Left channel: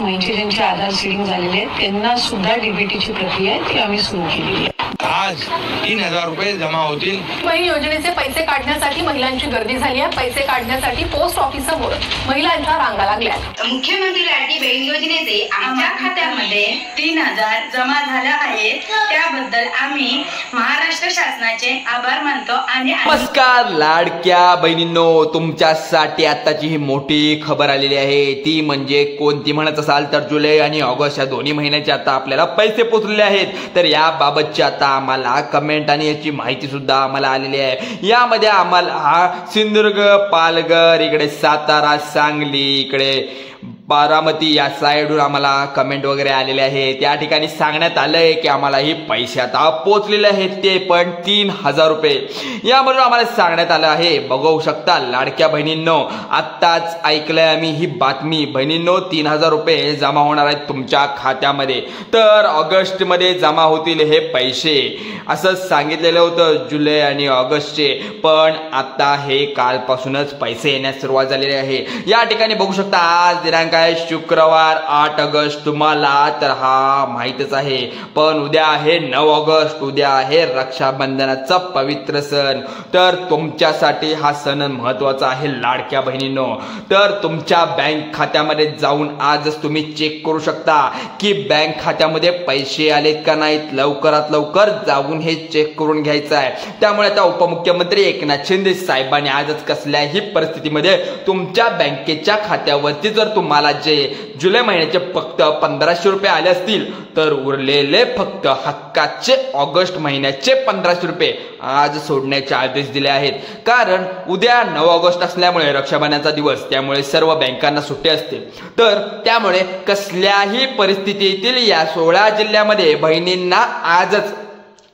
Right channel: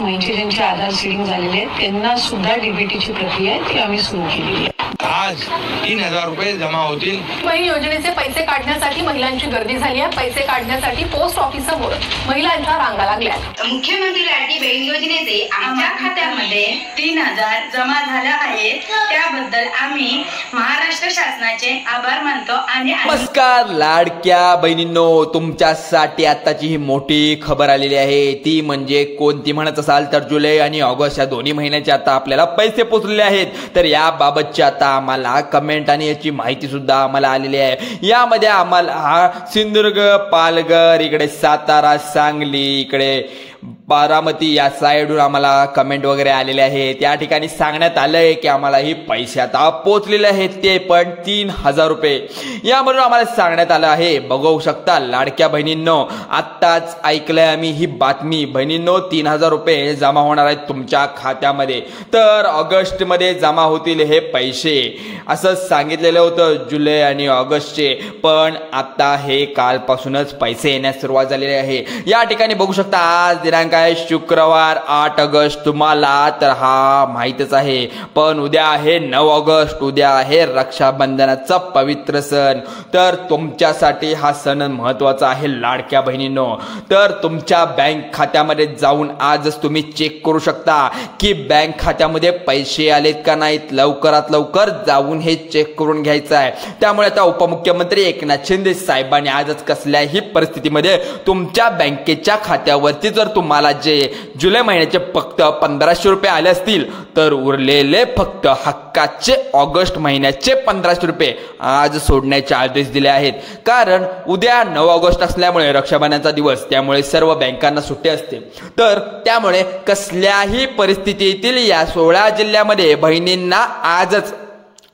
म्हणजे ज्यांचे आधार सीडिंग झालेले आहेत त्यांना सुद्धा डीबीटीची प्रक्रिया आहे ती आम्ही सुरू केलेली आहे। आज 3000 रुपये जमा होतील। बहीण योजनेचे पैसे काढण्यासाठी महिलांची गर्दी झाली आहे। पैसे काढण्यासाठी पोस्ट ऑफिस समोर महिलांच्या रांगा लागल्या। मुख्यमंत्री लाडकी बहीण योजनेचे आमच्या खात्यामध्ये 3000 जमा झाले आहेत, त्याबद्दल आम्ही महाराष्ट्र शासनाचे आभार मानतो। आणि नमस्कार लाडक्या बहिणींनो, तुमच्यासाठी आताची ही मोठी खबर आलेली आहे। ती म्हणजे कोणती म्हणत असाल तर जुलै आणि ऑगस्ट या दोन्ही महिन्याचे आता आपल्याला पैसे पोहोचलेले आहेत। तर याबाबतची आता आम्हाला कमेंट आणि याची माहिती सुद्धा आम्हाला आलेली आहे। यामध्ये आम्हाला सिंधुदुर्ग, पालघर, इकडे सातारा, सांगली, इकडे बारामती या साईडून आम्हाला कमेंट वगैरे आलेले आहेत। त्या ठिकाणी सांगण्यात आलंय की आम्हाला ही पैसे आता पोहोचलेले आहेत, ते पण 3000 रुपये। यामधून आम्हाला सांगण्यात आलं आहे, बघू शकता लाडक्या बहिणींनो, आत्ताच ऐकलंय आम्ही ही बातमी। बहिणींनो 3000 रुपये जमा होणार आहेत तुमच्या खात्यामध्ये। तर ऑगस्ट मध्ये जमा होतील हे पैसे असं सांगितलेलं होतं, जुलै आणि ऑगस्टचे, पण आता हे कालपासूनच पैसे येण्यास सुरुवात झालेली आहे। या ठिकाणी बघू शकता आज दिनांक आहे शुक्रवार 8 ऑगस्ट। तुम्हाला तर हा माहितच आहे, पण उद्या आहे 9 ऑगस्ट, उद्या आहे रक्षाबंधनाचा पवित्र सण। तर तुमच्यासाठी हा सण महत्वाचा आहे लाडक्या बहिणींनो। तर तुमच्या बँक खात्यामध्ये जाऊन आजच तुम्ही चेक करू शकता की बँक खात्यामध्ये पैसे आलेत का नाहीत। लवकरात लवकर जाऊन हे चेक करून घ्यायचं आहे। त्यामुळे आता उपमुख्यमंत्री एकनाथ शिंदे साहेबांनी आजच कसल्याही परिस्थितीमध्ये तुमच्या बँकेच्या खात्यावरती जर तुम्हाला जे जुलै महिन्याचे फक्त 1500 रुपये आले असतील, तर उरलेले फक्त हक्काचे ऑगस्ट महिन्याचे 1500 रुपये आज सोडण्याचे आदेश दिले आहेत। कारण उद्या 9 ऑगस्ट असल्यामुळे रक्षाबंधनाचा दिवस, त्यामुळे सर्व बँकांना सुट्टी असते। तर त्यामुळे कसल्याही परिस्थितीतील या 16 जिल्ह्यामध्ये बहिणींना आजच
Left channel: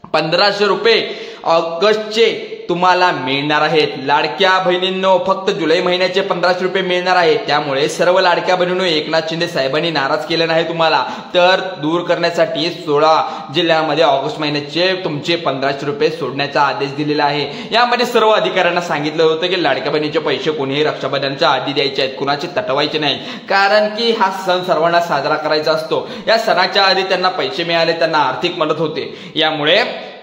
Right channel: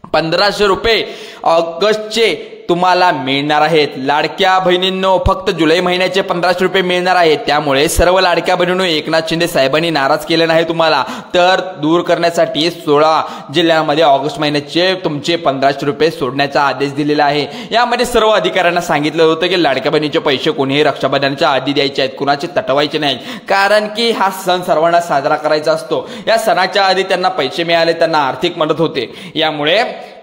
1500 रुपये ऑगस्टचे तुम्हाला मिळणार आहेत। लाडक्या बहिणींनो फक्त जुलै महिन्याचे 1500 रुपये मिळणार आहेत। त्यामुळे सर्व लाडक्या बहिणींनो एकनाथ शिंदे साहेबांनी नाराज केले नाही तुम्हाला, तर दूर करण्यासाठी 16 जिल्ह्यामध्ये ऑगस्ट महिन्याचे तुमचे 1500 रुपये सोडण्याचा आदेश दिलेला आहे। यामध्ये सर्व अधिकाऱ्यांना सांगितलं होतं की लाडक्या बहिणीचे पैसे कोणीही रक्षाबंधनाच्या आधी द्यायचे आहेत, कुणाचे तटवायचे नाहीत। कारण की हा सण सर्वांना साजरा करायचा असतो। या सणाच्या आधी त्यांना पैसे मिळाले, त्यांना आर्थिक मदत होते, यामुळे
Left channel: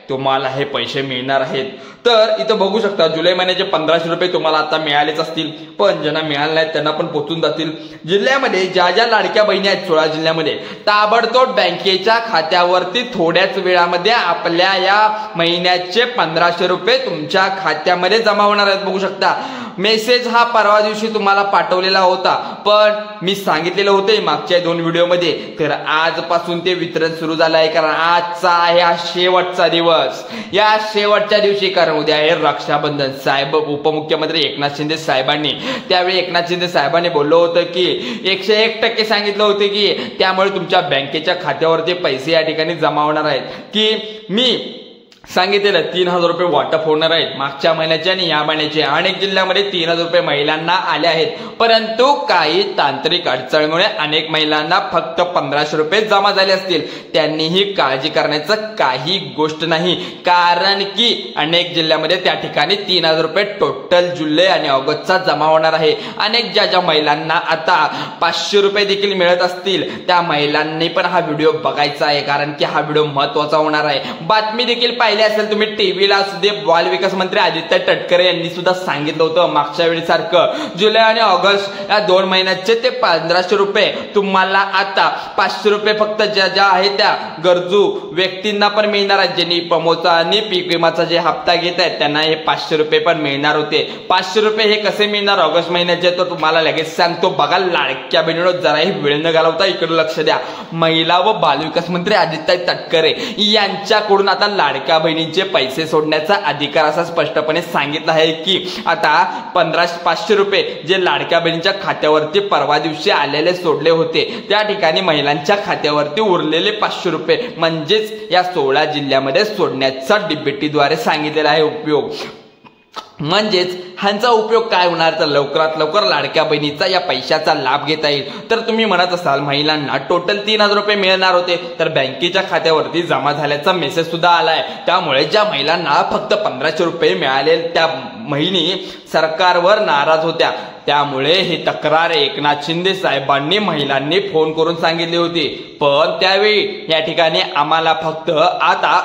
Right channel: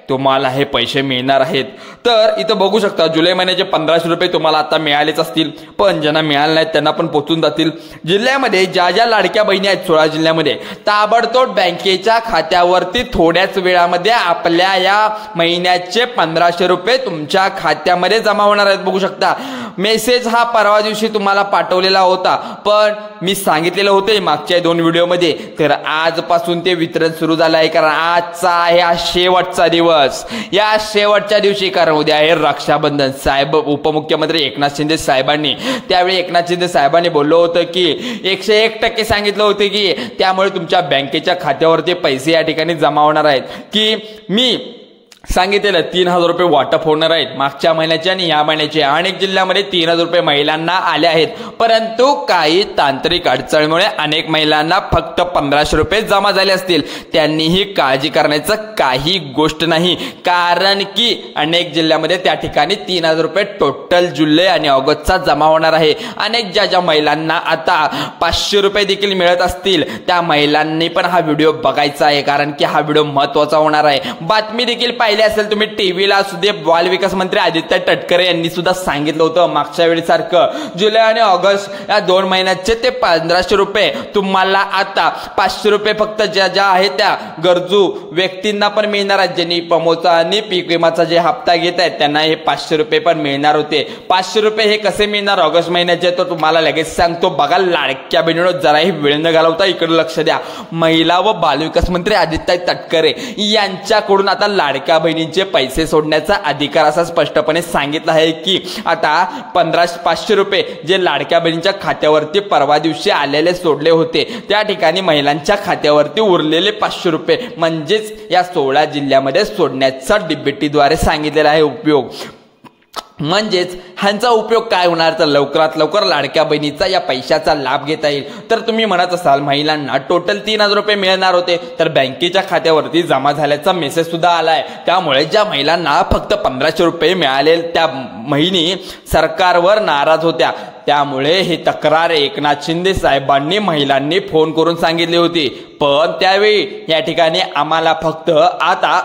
तुम्हाला हे पैसे मिळणार आहेत। तर इथं बघू शकता जुलै महिन्याचे 1500 रुपये तुम्हाला आता मिळालेच असतील, पण ज्यांना मिळाले नाहीत त्यांना पण पोहोचून जातील। जिल्ह्यामध्ये ज्या ज्या लाडक्या बहिणी आहेत 16 जिल्ह्यामध्ये, ताबडतोब बँकेच्या खात्यावरती थोड्याच वेळामध्ये आपल्या या महिन्याचे 1500 रुपये तुमच्या खात्यामध्ये जमा होणार आहेत। बघू शकता मेसेज हा परवा दिवशी तुम्हाला पाठवलेला होता, पण मी सांगितलेलं होतं मागच्या 2 व्हिडिओमध्ये, तर आजपासून ते वितरण सुरू झालं आहे। कारण आजचा आहे हा शेवटचा दिवस। या शेवटच्या दिवशी, कारण उद्या आहे रक्षाबंधन, साहेब उपमुख्यमंत्री एकनाथ शिंदे साहेबांनी त्यावेळी एकनाथ शिंदे साहेबांनी बोललो होतं की 101% सांगितलं होतं की त्यामुळे तुमच्या बँकेच्या खात्यावरती पैसे या ठिकाणी जमा होणार आहेत। की मी सांगितलेलं 3000 रुपये वाटप होणार आहेत मागच्या महिन्याचे आणि या महिन्याचे। अनेक जिल्ह्यामध्ये 3000 रुपये महिलांना आले आहेत, परंतु काही तांत्रिक अडचणीमुळे अनेक महिलांना फक्त 1500 रुपये जमा झाले असतील। त्यांनीही काळजी करण्याचं काही गोष्ट नाही, कारण की अनेक जिल्ह्यामध्ये त्या ठिकाणी 3000 रुपये टोटल जुलै आणि ऑगस्टचा जमा होणार आहे। अनेक ज्या ज्या महिलांना आता 500 रुपये देखील मिळत असतील त्या महिलांनी पण हा व्हिडिओ बघायचा आहे, कारण की हा व्हिडिओ महत्वाचा होणार आहे। बातमी देखील पाहिली असेल तुम्ही टीव्हीला सुद्धा, बालविकास मंत्री आदित्य तटकरे यांनी सुद्धा सांगितलं होतं मागच्या वेळी सारखं जुलै आणि ऑगस्ट या 2 महिन्याचे ते 1500 रुपये तुम्हाला आता 500 रुपये फक्त ज्या ज्या आहेत त्या गरजू व्यक्तींना पण मिळणार आहेत। ज्यांनी पमोचा आणि पीक विमाचा जे हप्ता घेत आहेत त्यांना हे 500 रुपये पण मिळणार होते। 500 रुपये हे कसे मिळणार ऑगस्ट महिन्याचे, तर तुम्हाला लगेच सांगतो। बघा लाडक्या बहिणींनो, जराही वेळ न घालवता इकडे लक्ष द्या। महिला व बालविकास मंत्री आदित्य तटकरे यांच्याकडून आता लाडक्या बहिणींचे पैसे सोडण्याचा अधिकार असा स्पष्टपणे सांगितलं आहे की आता 500 रुपये जे लाडक्या बहिणींच्या खात्यावरती परवा दिवशी आलेले सोडले होते, त्या ठिकाणी महिलांच्या खात्यावरती उरलेले 500 रुपये म्हणजेच या 16 जिल्ह्यामध्ये सोडण्याचा डीबीटीद्वारे सांगितलेला आहे उपयोग। म्हणजेच ह्यांचा उपयोग काय होणार, तर लवकरात लवकर लाडक्या बहिणीचा या पैशाचा लाभ घेता येईल। तर तुम्ही म्हणत असाल महिलांना टोटल 3000 रुपये मिळणार होते, तर बँकेच्या खात्यावरती जमा झाल्याचा मेसेज सुद्धा आलाय। त्यामुळे ज्या महिलांना फक्त 1500 रुपये मिळाले त्या महिनी सरकारवर नाराज होत्या, त्यामुळे ही तक्रार एकनाथ शिंदे साहेबांनी महिलांनी फोन करून सांगितली होती. पण त्यावेळी या ठिकाणी आम्हाला फक्त आता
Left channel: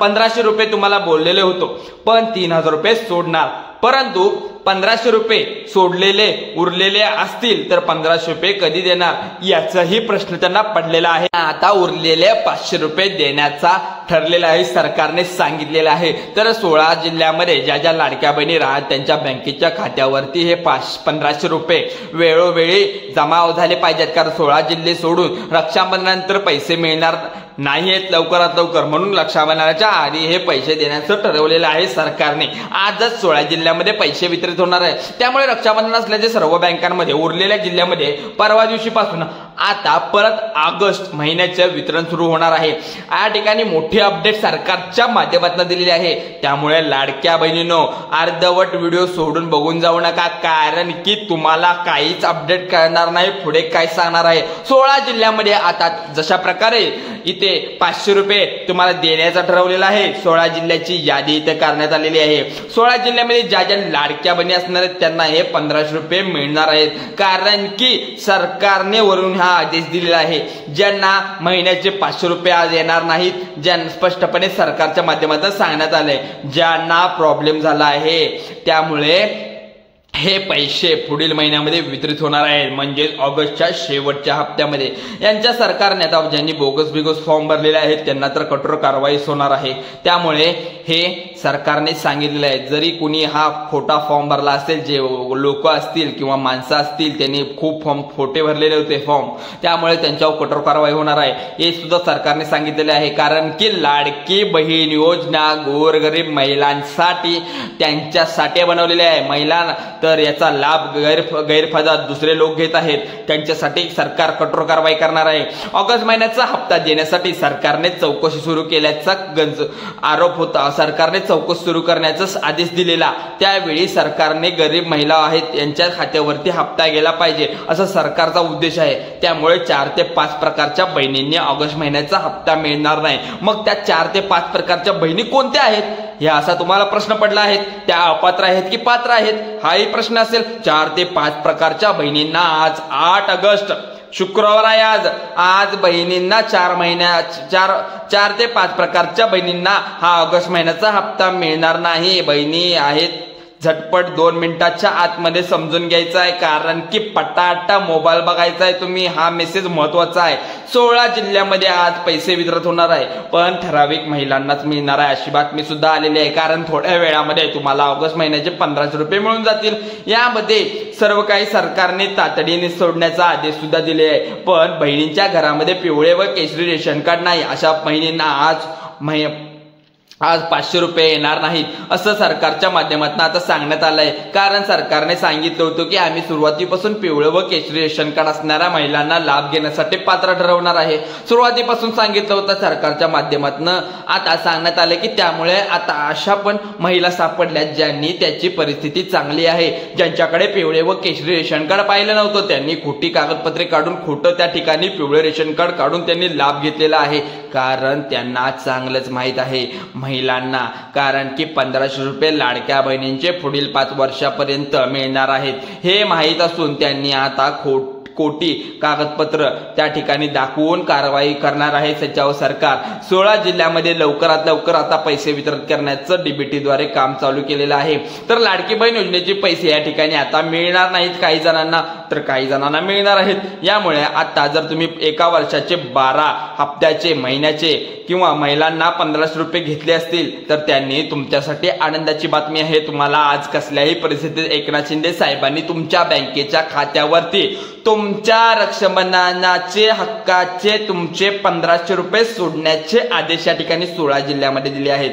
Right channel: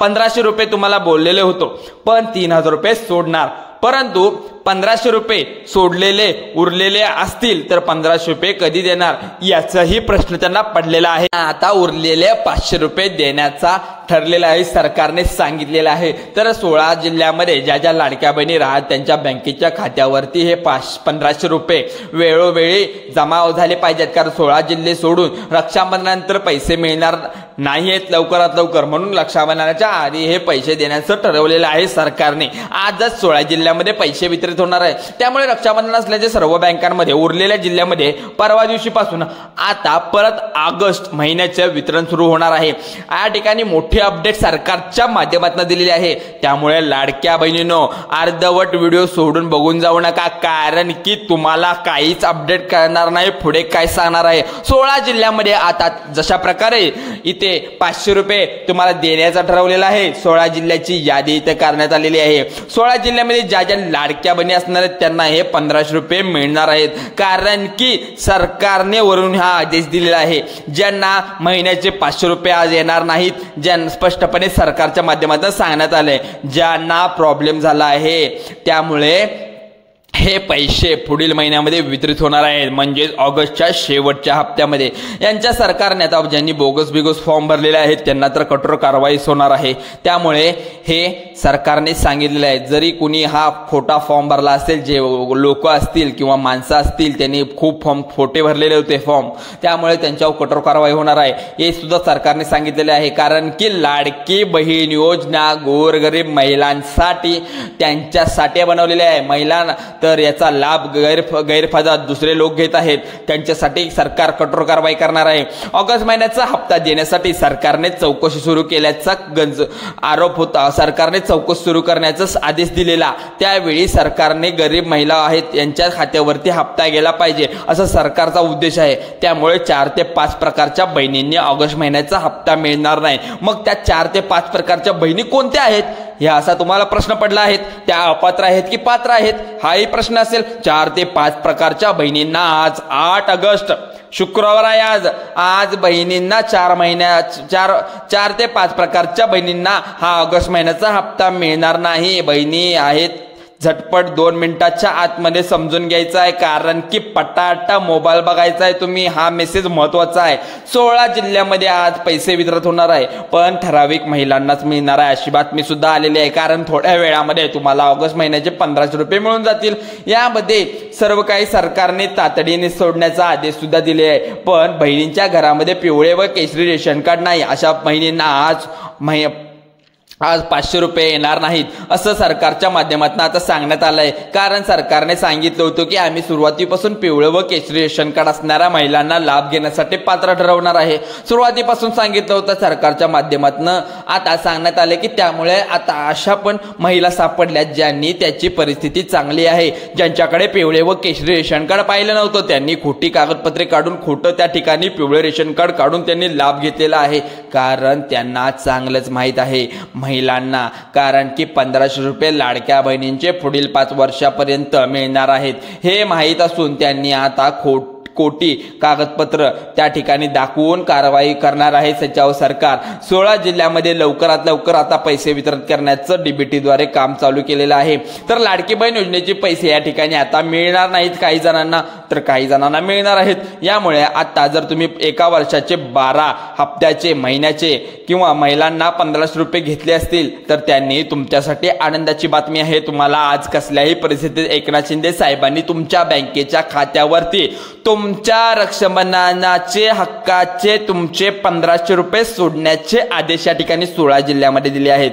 1500 रुपये तुम्हाला बोललेले होतो, पण 3000 रुपये सोडणार. परंतु 1500 रुपये सोडलेले उरलेले असतील तर 1500 रुपये कधी देणार याचाही प्रश्न त्यांना पडलेला आहे. आता उरलेले 500 रुपये देण्याचा ठरलेला आहे, सरकारने सांगितलेलं आहे. तर 16 जिल्ह्यामध्ये ज्या ज्या लाडक्या बहिणी राहत त्यांच्या बँकेच्या खात्यावरती हे 1500 रुपये वेळोवेळी जमा झाले पाहिजेत. कारण 16 जिल्हे सोडून रक्षाबंधनानंतर पैसे मिळणार नाहीत लवकरात लवकर, म्हणून रक्षाबंधनाच्या आधी हे पैसे देण्याचं ठरवलेलं आहे सरकारने. आजच 16 जिल्ह्यामध्ये पैसे वितरित होणार आहे. त्यामुळे रक्षाबंधन असल्याचे सर्व बँकांमध्ये उरलेल्या जिल्ह्यामध्ये परवा दिवशीपासून आता परत ऑगस्ट महिन्याचं वितरण सुरू होणार आहे. या ठिकाणी मोठी अपडेट सरकारच्या माध्यमातून दिलेली आहे. त्यामुळे लाडक्या बहिणींनो अर्धवट व्हिडिओ सोडून बघून जाऊ नका, कारण की तुम्हाला काहीच अपडेट कळणार नाही पुढे काय सांगणार आहे. 16 जिल्ह्यामध्ये आता जशा प्रकारे इथे 500 रुपये तुम्हाला देण्याचा ठरवलेला आहे, 16 जिल्ह्याची यादी इथे करण्यात आलेली आहे. 16 जिल्ह्यामध्ये ज्या ज्या लाडक्या बहिणी असणार आहेत त्यांना हे 1500 रुपये मिळणार आहेत. कारण की सरकारने वरून हा आदेश दिलेला आहे. ज्यांना महिन्याचे 500 रुपये आज येणार नाहीत, ज्यांना स्पष्टपणे सरकारच्या माध्यमातून सांगण्यात आले, ज्यांना प्रॉब्लेम झाला आहे त्यामुळे हे पैसे पुढील महिन्यामध्ये वितरित होणार आहेत, म्हणजे ऑगस्टच्या शेवटच्या हप्त्यामध्ये. यांच्या सरकारने आता ज्यांनी बोगस फॉर्म भरलेले आहेत त्यांना तर कठोर कारवाई होणार आहे. त्यामुळे हे सरकारने सांगितलेले आहे. जरी कुणी हा खोटा फॉर्म भरला असेल, जे लोक असतील किंवा माणसं असतील त्यांनी खूप फॉर्म खोटे भरलेले होते फॉर्म, त्यामुळे त्यांच्यावर कठोर कारवाई होणार आहे हे सुद्धा सरकारने सांगितलेले आहे. कारण की लाडकी बहीण योजना गोरगरीब महिलांसाठी त्यांच्यासाठी बनवलेली आहे. महिलांना तर याचा लाभ गैरफायदा दुसरे लोक घेत आहेत, त्यांच्यासाठी सरकार कठोर कारवाई करणार आहे. ऑगस्ट महिन्याचा हप्ता देण्यासाठी सरकारने चौकशी सुरू केल्याचा आरोप होता. सरकारने चौकशी सुरू करण्याचा आदेश दिलेला, त्यावेळी सरकारने गरीब महिला आहेत यांच्या खात्यावरती हप्ता गेला पाहिजे असा सरकारचा उद्देश आहे. त्यामुळे 4 ते 5 प्रकारच्या बहिणींनी ऑगस्ट महिन्याचा हप्ता मिळणार नाही. मग त्या 4 ते 5 प्रकारच्या बहिणी कोणत्या आहेत या असा तुम्हाला प्रश्न पडला आहे. त्या अपात्र आहेत की पात्र आहेत हाही प्रश्न असेल. 4 ते 5 प्रकारच्या बहिणींना आज 8 ऑगस्ट शुक्रवार आहे. आज बहिणींना 4 ते 5 प्रकारच्या बहिणींना हा ऑगस्ट महिन्याचा हप्ता मिळणार नाही. बहिणी आहेत झटपट 2 मिनिटाच्या आतमध्ये समजून घ्यायचा आहे, कारण की पटाटा मोबाईल बघायचा आहे तुम्ही. हा मेसेज महत्वाचा आहे. 16 जिल्ह्यामध्ये आज पैसे वितरित होणार आहे, पण ठराविक महिलांनाच मिळणार आहे अशी बातमी सुद्धा आलेली आहे. कारण थोड्या वेळामध्ये तुम्हाला ऑगस्ट महिन्याचे 1500 रुपये मिळून जातील. यामध्ये सर्व काही सरकारने तातडीने सोडण्याचा आदेश सुद्धा दिले आहे. पण बहिणींच्या घरामध्ये पिवळे व केशरी रेशन कार्ड नाही अशा बहिणींना आज 500 रुपये येणार नाहीत असं सरकारच्या माध्यमातून आता सांगण्यात आलंय. कारण सरकारने सांगितलं होतं की आम्ही सुरुवातीपासून पिवळे व केशरी रेशन कार्ड असणाऱ्या महिलांना लाभ घेण्यासाठी पात्र ठरवणार आहे. सुरुवातीपासून सांगितलं होतं सरकारच्या माध्यमातून. आता सांगण्यात आले की त्यामुळे आता अशा पण महिला सापडल्या ज्यांनी त्याची परिस्थिती चांगली आहे, ज्यांच्याकडे पिवळे व केशरी रेशन कार्ड पाहिलं नव्हतं, त्यांनी खोटी कागदपत्रे काढून खोटं त्या ठिकाणी पिवळे रेशन कार्ड काढून त्यांनी लाभ घेतलेला आहे. कारण त्यांना चांगलंच माहित आहे महिलांना, कारण की 1500 रुपये लाडक्या बहिणींचे पुढील 5 वर्षापर्यंत मिळणार आहेत हे माहीत असून त्यांनी आता कोटी कागदपत्र त्या ठिकाणी दाखवून कारवाई करणार आहे सचिव सरकार. 16 जिल्ह्यामध्ये लवकरात लवकर आता पैसे वितरित करण्याचं डीबीटीद्वारे काम चालू केलेलं आहे. तर लाडकी बहीण योजनेचे पैसे या ठिकाणी आता मिळणार नाहीत काही जणांना, तर काही जणांना मिळणार आहेत. यामुळे आता जर तुम्ही एका वर्षाचे 12 हप्त्याचे महिन्याचे किंवा महिलांना 1500 रुपये घेतले असतील तर त्यांनी तुमच्यासाठी आनंदाची बातमी आहे. तुम्हाला आज कसल्याही परिस्थितीत एकनाथ शिंदे साहेबांनी तुमच्या बँकेच्या खात्यावरती तुमच्या रक्षाबंधनाचे हक्काचे तुमचे 1500 रुपये सोडण्याचे आदेश या ठिकाणी 16 जिल्ह्यामध्ये दिले आहेत.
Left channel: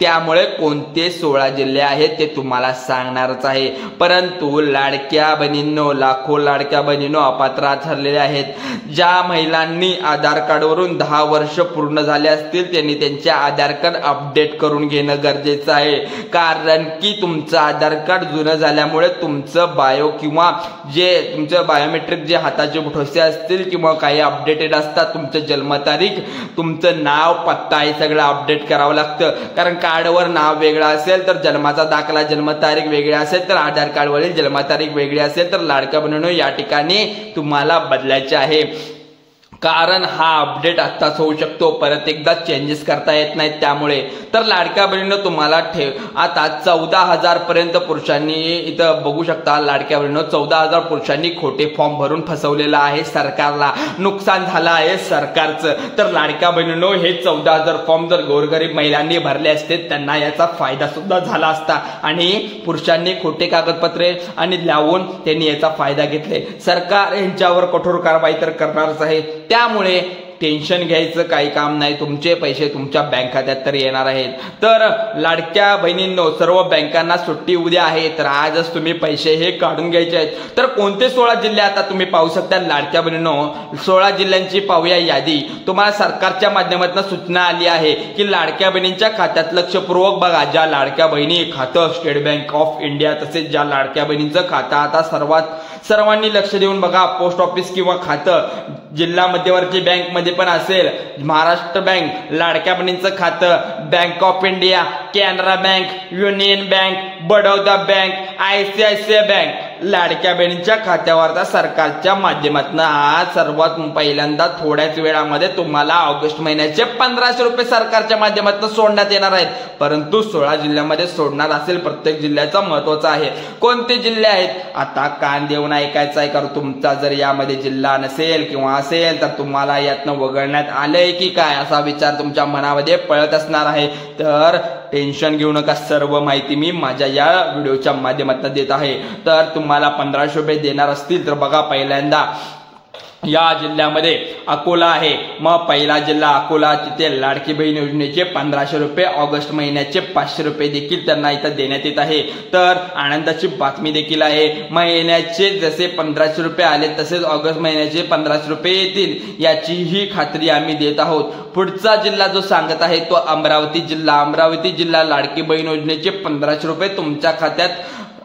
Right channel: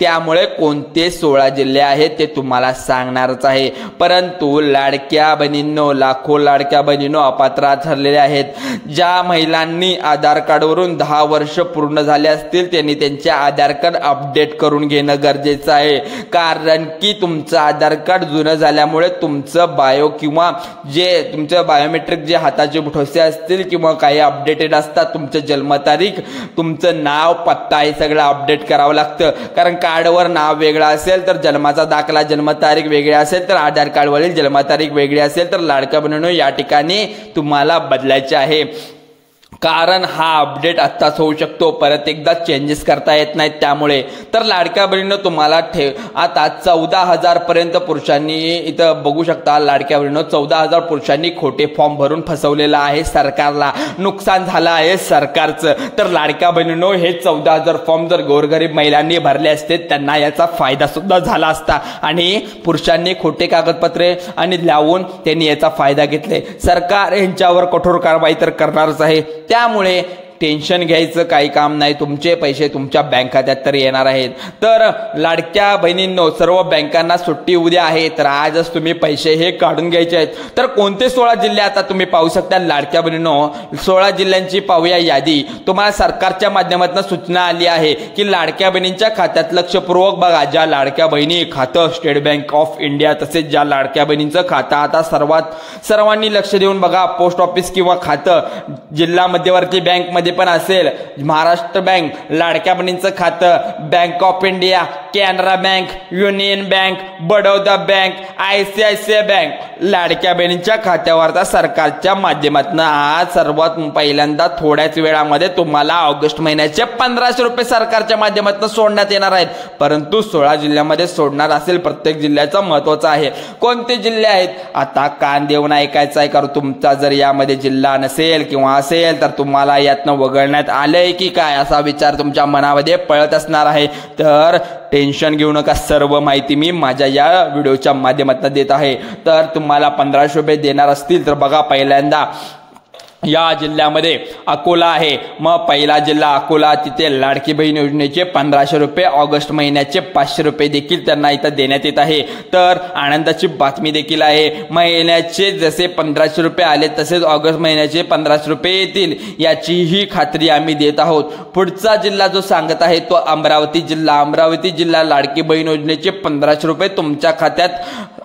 त्यामुळे कोणते 16 जिल्हे आहेत ते तुम्हाला सांगणारच आहे. परंतु लाडक्या बहिणींनो, लाखो लाडक्या बहिणींनो अपात्र ठरलेल्या आहेत. ज्या महिलांनी आधार कार्डवरून 10 वर्ष पूर्ण झाले असतील त्यांनी त्यांचे आधार कार्ड अपडेट करून घेणं गरजेचं आहे. कारण की तुमचं आधार कार्ड जुनं झाल्यामुळे तुमचं बायो किंवा जे तुमचं बायोमेट्रिक जे हाताचे ठोसे असतील किंवा काही अपडेटेड असतात, तुमचं जन्मतारीख, तुमचं नाव, पत्ता हे सगळं अपडेट करावं लागतं. कारण कार्डवर नाव वेगळं असेल तर जन्माचा दाखला जन्मतारीख वेगळी असेल तर आधार कार्डवरील जन्मतारीख वेगळी असेल तर लाडक्या बहिणींनो या ठिकाणी तुम्हाला बदलायचे आहे, कारण हा अपडेट आत्ताच होऊ शकतो, परत एकदा चेंजेस करता येत नाहीत. त्यामुळे तर लाडक्या बहिणींनो तुम्हाला आता 14,000 पर्यंत पुरुषांनी इथं बघू शकता. लाडक्या बहिणींनो 14,000 पुरुषांनी खोटे फॉर्म भरून फसवलेला आहे सरकारला, नुकसान झालं आहे सरकारचं. तर लाडक्या बहिणींनो हे 14,000 फॉर्म जर गोरगरीब महिलांनी भरले असते त्यांना याचा फायदा सुद्धा झाला असता आणि पुरुषांनी खोटे कागदपत्रे आणि लावून त्यांनी याचा फायदा घेतले. सरकार यांच्यावर कठोर कारवाई तर करणारच आहे. त्यामुळे टेन्शन घ्यायचं काही काम नाही, तुमचे पैसे तुमच्या बँक खात्यात तर येणार आहेत. तर लाडक्या बहिणींनो सर्व बँकांना सुट्टी उद्या आहे, तर आजच तुम्ही पैसे हे काढून घ्यायचे आहेत. तर कोणते 16 जिल्हे आता तुम्ही पाहू शकता लाडक्या बहिणींनो, 16 जिल्ह्यांची पाहूया यादी. तुम्हाला सरकारच्या माध्यमातून सूचना आली आहे की लाडक्या बहिणींच्या खात्यात लक्षपूर्वक बघा. ज्या लाडक्या बहिणी खातं स्टेट बँक ऑफ इंडिया तसेच ज्या लाडक्या बहिणींचं खातं आता सर्वांनी लक्ष देऊन बघा, पोस्ट ऑफिस किंवा खातं जिल्हा मध्यवर्ती बँक मध्ये पण असेल, महाराष्ट्र बँक, लाडक्या बहिणींचं खातं, bank of India, Canara bank, union bank, Baroda bank, ICICI bank, लाडक्या बहिणींच्या खात्यावर सरकारच्या माध्यमातून आज सर्वात पहिल्यांदा थोड्याच वेळामध्ये तुम्हाला ऑगस्ट महिन्याचे 1,500 रुपये सरकारच्या माध्यमातून सोडण्यात येणार आहेत. परंतु 16 जिल्ह्यामध्ये सोडणार असेल, प्रत्येक जिल्ह्याचा महत्वाचा आहे. कोणते जिल्हे आहेत आता कान देऊन ऐकायचं आहे, कारण तुमचा जर यामध्ये जिल्हा नसेल किंवा असेल तर तुम्हाला यातनं वगळण्यात आलंय की काय असा विचार तुमच्या मनामध्ये पळत असणार आहे. तर टेन्शन घेऊ नका, सर्व माहिती मी माझ्या या व्हिडिओच्या माध्यमातून देत आहे. तर तुम्हाला 1,500 रुपये देणार असतील तर बघा, पहिल्यांदा या जिल्ह्यामध्ये अकोला आहे. मग पहिला जिल्हा अकोला, तिथे लाडकी बहीण योजनेचे 1,500 रुपये, ऑगस्ट महिन्याचे 500 रुपये देखील त्यांना इथं देण्यात येत आहे. तर आनंदाची बातमी देखील आहे, महिन्याचे जसे 1,500 रुपये आले तसेच ऑगस्ट महिन्याचे 1,500 रुपये येतील याचीही खात्री आम्ही देत आहोत. पुढचा जिल्हा जो सांगत आहे तो अमरावती जिल्हा. अमरावती जिल्हा लाडकी बहीण योजनेचे 1,500 रुपये तुमच्या खात्यात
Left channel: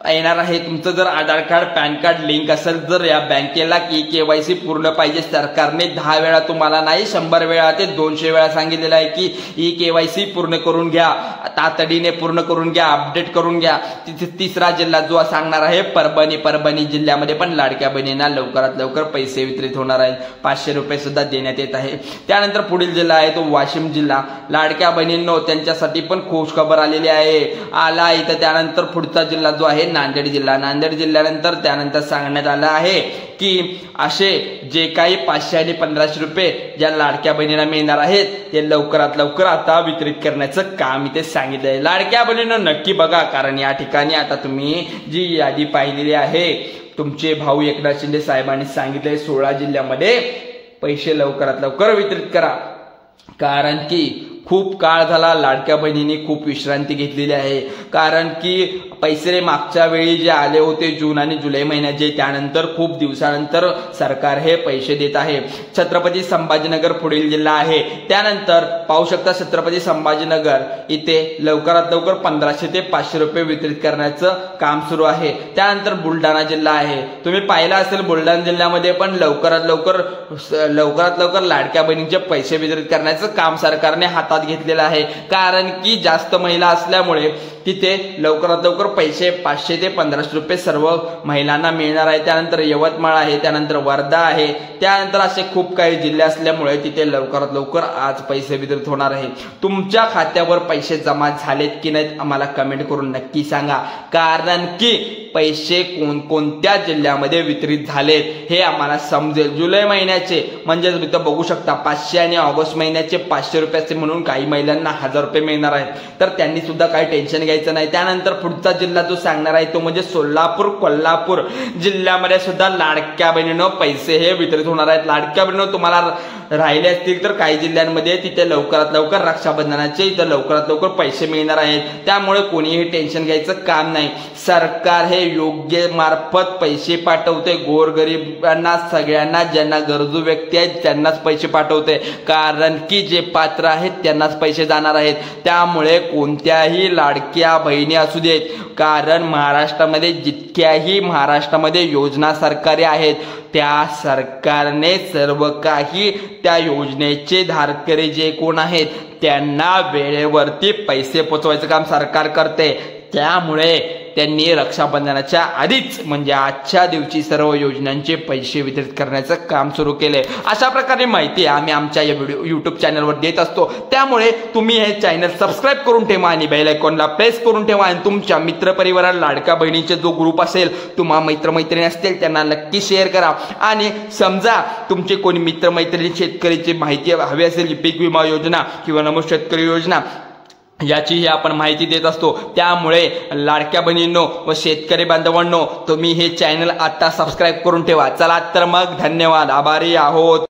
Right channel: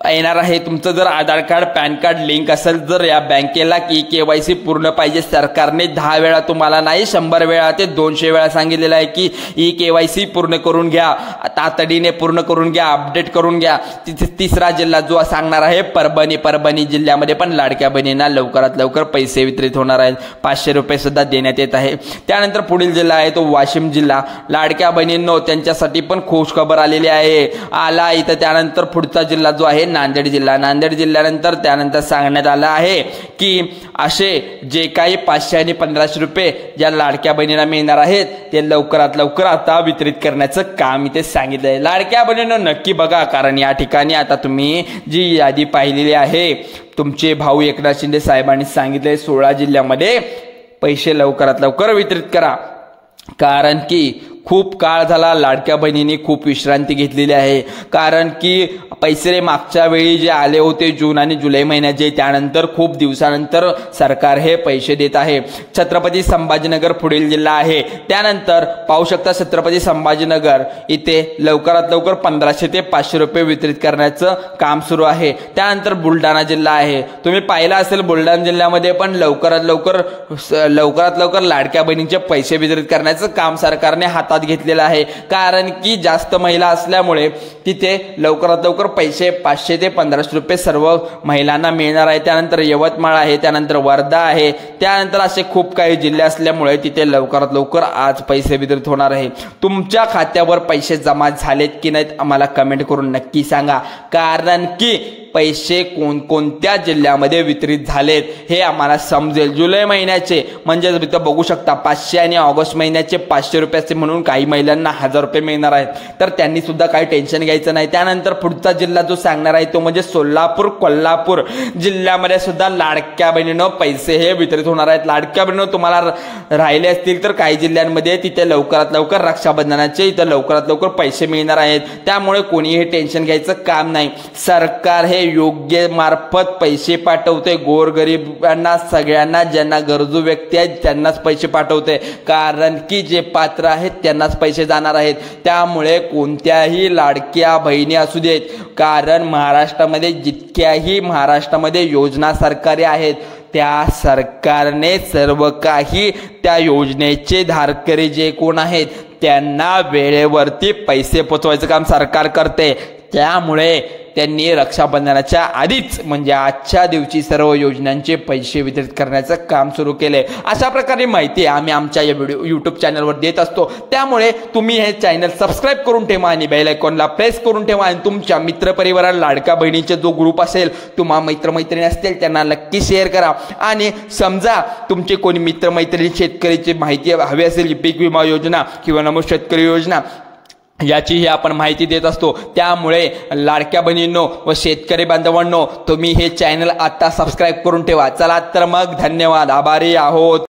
येणार आहे. तुमचं जर आधार कार्ड पॅन कार्ड लिंक असेल, जर या बँकेला KYC पूर्ण पाहिजे, सरकारने 10 वेळा तुम्हाला नाही 100 वेळा ते 200 वेळा सांगितलेलं आहे की KYC पूर्ण करून घ्या, तातडीने पूर्ण करून घ्या, अपडेट करून घ्या. तिथे तिसरा जिल्हा जो सांगणार आहे परभणी. परभणी जिल्ह्यामध्ये पण लाडक्या बहिणींना लवकरात लवकर पैसे वितरित होणार आहेत, 500 रुपये सुद्धा देण्यात येत आहे. त्यानंतर पुढील जिल्हा आहे तो वाशिम जिल्हा. लाडक्या बहिणींनो त्यांच्यासाठी पण खुश खबर आलेली आहे, आला इथं. त्यानंतर पुढचा जिल्हा जो आहे नांदेड जिल्हा. नांदेड जिल्ह्यानंतर त्यानंतर सांगण्यात आलं आहे की असे जे काही 500 आणि 1,500 रुपये ज्या लाडक्या बहिणींना मिळणार आहेत ते लवकरात लवकर आता वितरित करण्याचं काम इथे सांगितलंय. लाडक्या बहिणींना नक्की बघा, कारण या ठिकाणी आता तुम्ही जी यादी पाहिलेली आहे, तुमचे भाऊ एकनाथ शिंदे साहेबांनी सांगितले 16 जिल्ह्यामध्ये पैसे लवकरात लवकर वितरित करा, कारण की खूप काळ झाला लाडक्या बहिणींनी खूप विश्रांती घेतलेली आहे. कारण की पैसे मागच्या वेळी जे आले होते जून आणि जुलै महिन्याचे, त्यानंतर खूप दिवसानंतर सरकार हे पैसे देत आहे. छत्रपती संभाजीनगर पुढील जिल्हा आहे. त्यानंतर पाहू शकता छत्रपती संभाजीनगर इथे लवकरात लवकर 1,500 ते 500 रुपये वितरित करण्याचं काम सुरू आहे. त्यानंतर बुलढाणा जिल्हा आहे. तुम्ही पाहिला असेल बुलढाणा जिल्ह्यामध्ये पण लवकरात लवकर लाडक्या बहिणींचे पैसे वितरित करण्याचं काम सरकारने हातात घेतलेला आहे. कारण की जास्त महिला असल्यामुळे तिथे लवकरात लवकर पैसे 500 ते 1,500 रुपये सर्व महिलांना मिळणार आहे. त्यानंतर यवतमाळ आहे, त्यानंतर वर्धा आहे, त्यानंतर असे खूप काही जिल्हे असल्यामुळे तिथे लवकरात लवकर आज पैसे वितरित होणार आहे. तुमच्या खात्यावर पैसे जमा झालेत की नाहीत आम्हाला कमेंट करून नक्की सांगा, कारण की पैसे कोणकोणत्या जिल्ह्यामध्ये वितरित झालेत हे आम्हाला समजेल. जुलै महिन्याचे म्हणजे इथं बघू शकता 500 आणि ऑगस्ट महिन्याचे 500 रुपयाचे म्हणून काही महिलांना 1,000 रुपये मिळणार आहेत. तर त्यांनी सुद्धा काही टेन्शन घ्यायचं नाही. त्यानंतर पुढचा जिल्हा जो सांगणार आहे तो म्हणजे सोलापूर, कोल्हापूर जिल्ह्यामध्ये सुद्धा लाडक्या बहिणींनो पैसे हे वितरित होणार आहेत. लाडक्या बहिणींनो तुम्हाला राहिले असतील तर काही जिल्ह्यांमध्ये तिथे लवकरात लवकर रक्षाबंधनाचे इथं लवकरात लवकर पैसे मिळणार आहेत. त्यामुळे कोणीही टेन्शन घ्यायचं काम नाही. सरकार हे योग्य मार्फत पैसे पाठवते, गोरगरिबांना सगळ्यांना ज्यांना गरजू व्यक्ती आहेत त्यांनाच पैसे पाठवते, कारण की जे पात्र आहेत त्यांनाच पैसे जाणार आहेत. त्यामुळे कोणत्याही लाडक्या बहिणी असू देत, कारण महाराष्ट्रामध्ये योजना सरकारी आहेत, त्या सरकारने सर्व काही त्या योजनेचे धारकरी जे कोण आहेत त्यांना वेळेवरती पैसे पोचवायचं काम सरकार करते। त्यामुळे त्यांनी रक्षाबंधनाच्या आधीच म्हणजे आजच्या दिवशी सर्व योजनांचे पैसे वितरित करण्याचं काम सुरू केलंय। अशा प्रकारे माहिती आम्ही आमच्या या YouTube चॅनलवर देत असतो। त्यामुळे तुम्ही हे चॅनल सबस्क्राईब करून ठेवा आणि बेल आयकॉनला प्रेस करून ठेवा आणि तुमच्या मित्रपरिवाराला लाडक्या बहिणीचा जो ग्रुप असेल, तुम्हाला मित्रमैत्रिणी असतील त्यांना नक्की शेअर करा। आणि समजा तुमचे कोणी मित्रमैत्रिणी शेतकरीची माहिती हवी असेल, पीक विमा योजना किंवा नमो शेतकरी योजना याचीही आपण माहिती देत असतो। त्यामुळे लाडक्या बहिणींनो व शेतकरी बांधवांनो, तुम्ही हे चॅनल आता सबस्क्राईब करून ठेवा। चला तर मग धन्यवाद, आभारी आहोत।